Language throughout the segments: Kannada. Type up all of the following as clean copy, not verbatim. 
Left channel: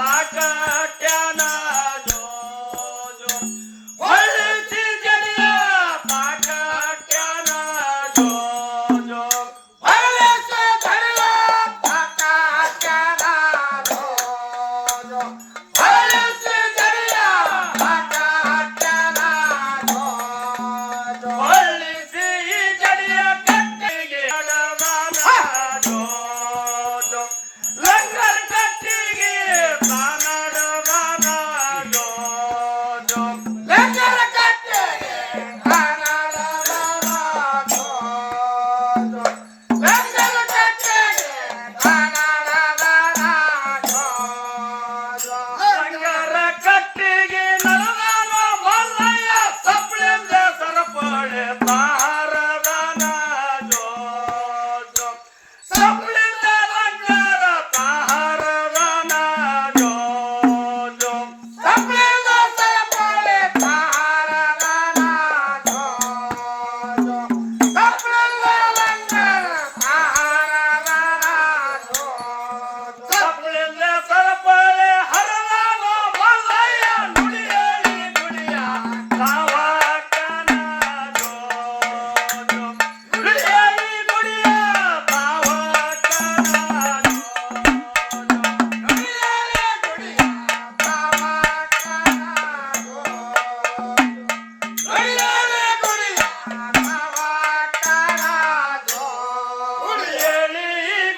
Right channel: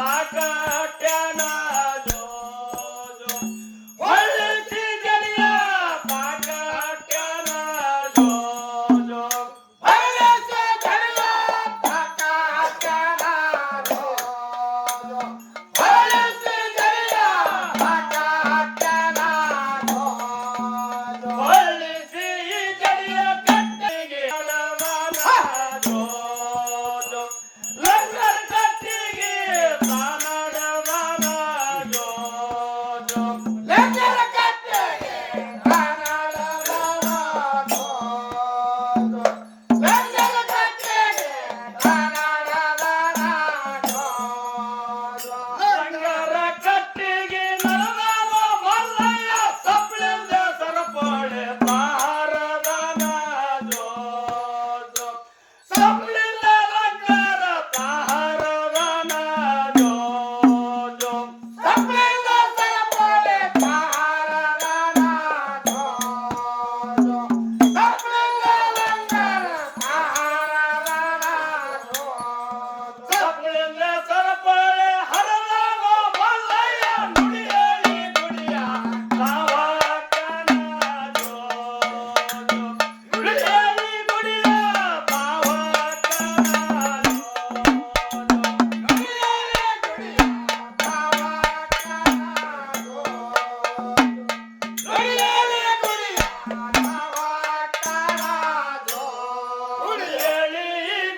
ಸಾಕಟ್ಯಾನ ಜೋ ಜೋ ಹೊಳ್ಳಿಸಿ ಜಡಿಯ ಸಾಕಟ್ಯಾನ ಜೋ ಜೋ ಹೊಳ್ಳಿಸಿ ಜಡಿಯ ಸಾಕಟ್ಯಾನ ಜೋ ಜೋ ಹೊಳ್ಳಿಸಿ ಜಡಿಯ ಸಾಕಟ್ಯಾನ ಜೋ ಜೋ ಹೊಳ್ಳಿಸಿ ಜಡಿಯ ಕಟ್ಟಿಗೆ ಅಡವಾನ ಜೋ ಜೋ ಲಂಗರ್ ಕಟ್ಟಿಗೆ ಪ್ರಾಣಡವಾನ ಜೋ ಜೋ ಲಂಗರ್ ಕಟ್ಟಿಗೆ ಪ್ರಾಣಡವಾನ ಜೋ ಜೋ ಲಂಗರ್ ಕಟ್ಟಿಗೆ ಪ್ರಾಣಡವಾನ ಜೋ ಜೋ ಲಂಗರ ಕಟ್ಟಿಗೆ ನರದಾನ ಮಲ್ಲಯ್ಯ ಸಪ್ಪಳಿಂದ ಸರಪಳೆ ತಾರದಾನ ಜೋ ಜೋ ಸಪ್ಪಳಿಂದ ಲಂಗರ ತಾರದಾನ ಜೋ ಜೋ ಸಪ್ಪಳಿಂದ ಸರಪಳೆ ತಾರದಾನ ಜೋ ಜೋ ಸಪ್ಪಳಿಂದ ಲಂಗರ ತಾರದಾನ ಜೋ ಜೋ ಸಪ್ಪಳಿಂದ ಸರಪಳೆ ಹರದಾನ ಮಲ್ಲಯ್ಯ ನುಡಿಯಲಿ ನುಡಿಯ ತಾವಕನ ಜೋ ಜೋ ನುಡಿಯಲಿ ನುಡಿಯ ತಾವಕನ ಜೋ ಜೋ ನುಡಿಯಲಿ ನುಡಿಯ ತಾವಕನ ಜೋ ಜೋ ನುಡಿಯಲಿ ನುಡಿಯ ತಾವಕನ ಜೋ ನುಡಿಯಲಿ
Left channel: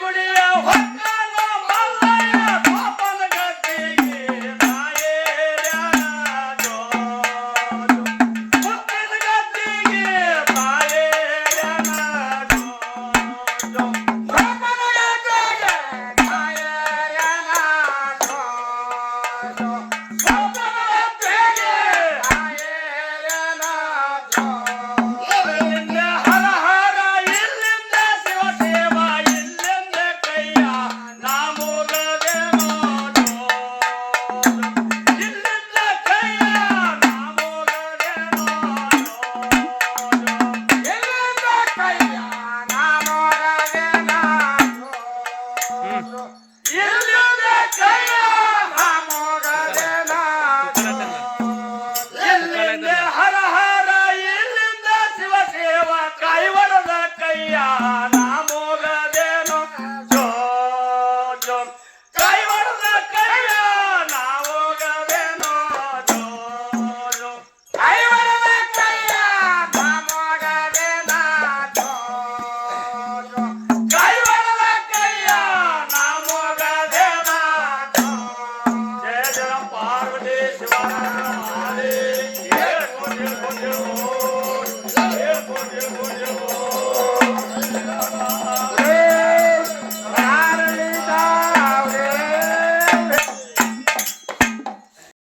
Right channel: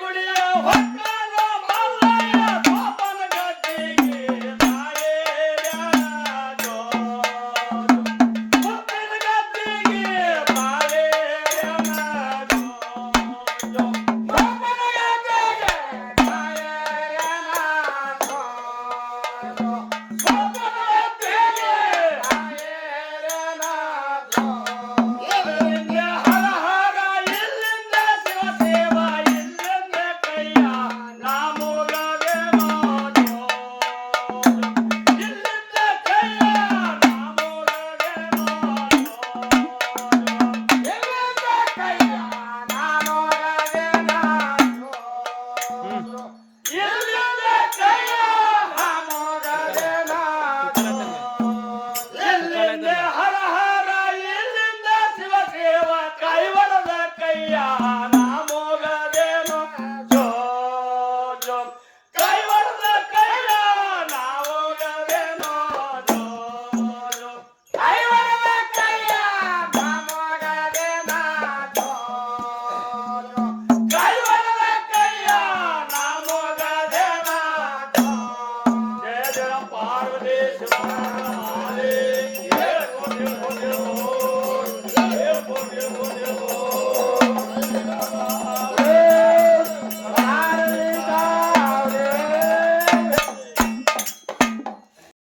ಗುಡಿಯ ಹೊಕ್ಕನ ಮಲ್ಲಯ್ಯ ಗೋಪನ ಗದ್ದಿಗೆ ತಾಯೇರ್ಯಾನ ಜೋ ಜೋ ಗೋಪನ ಗದ್ದಿಗೆ ತಾಯೇರ್ಯಾನ ಜೋ ಜೋ ಗೋಪನ ಗದ್ದಿಗೆ ತಾಯೇರ್ಯಾನ ಜೋ ಜೋ ಗೋಪನ ಗದ್ದಿಗೆ ತಾಯೇರ್ಯಾನ ಜೋ ಇಲ್ಲಿಂದ ಹರ ಹರ ಇಲ್ಲಿಂದ ಶಿವ ಸೇವ ಇಲ್ಲಿಂದ ಕೈಯ ನಾಮೋಗದೇನೋ ಜೋ ಜೋ ಇಲ್ಲಿಂದ ಕೈಯ ನಾಮೋಗದೇನೋ ಜೋ ಜೋ ಇಲ್ಲಿಂದ ಕೈಯ ನಾಮೋಗದೇನೋ ಜೋ ಜೋ ಇಲ್ಲಿಂದ ಕೈಯ ನಾಮೋಗದೇನೋ ಜೋ ಇಲ್ಲಿಂದ ಹರ ಹರ ಇಲ್ಲಿಂದ ಶಿವ ಸೇವ ಕೈವಳದ ಕೈಯ ನಾಮೋಗದೇನೋ ಜೋ ಜೋ ಕೈವಳದ ಕೈಯ ನಾಮೋಗದೇನೋ ಜೋ ಜೋ ಕೈವಳದ ಕೈಯ ನಾಮೋಗದೇನೋ ಜೋ ಜೋ ಕೈವಳದ ಕೈಯ ನಾಮೋಗದೇನೋ ಜೋ ಜಯ ಜಯ ಪಾರ್ವತಿ ಶಿವ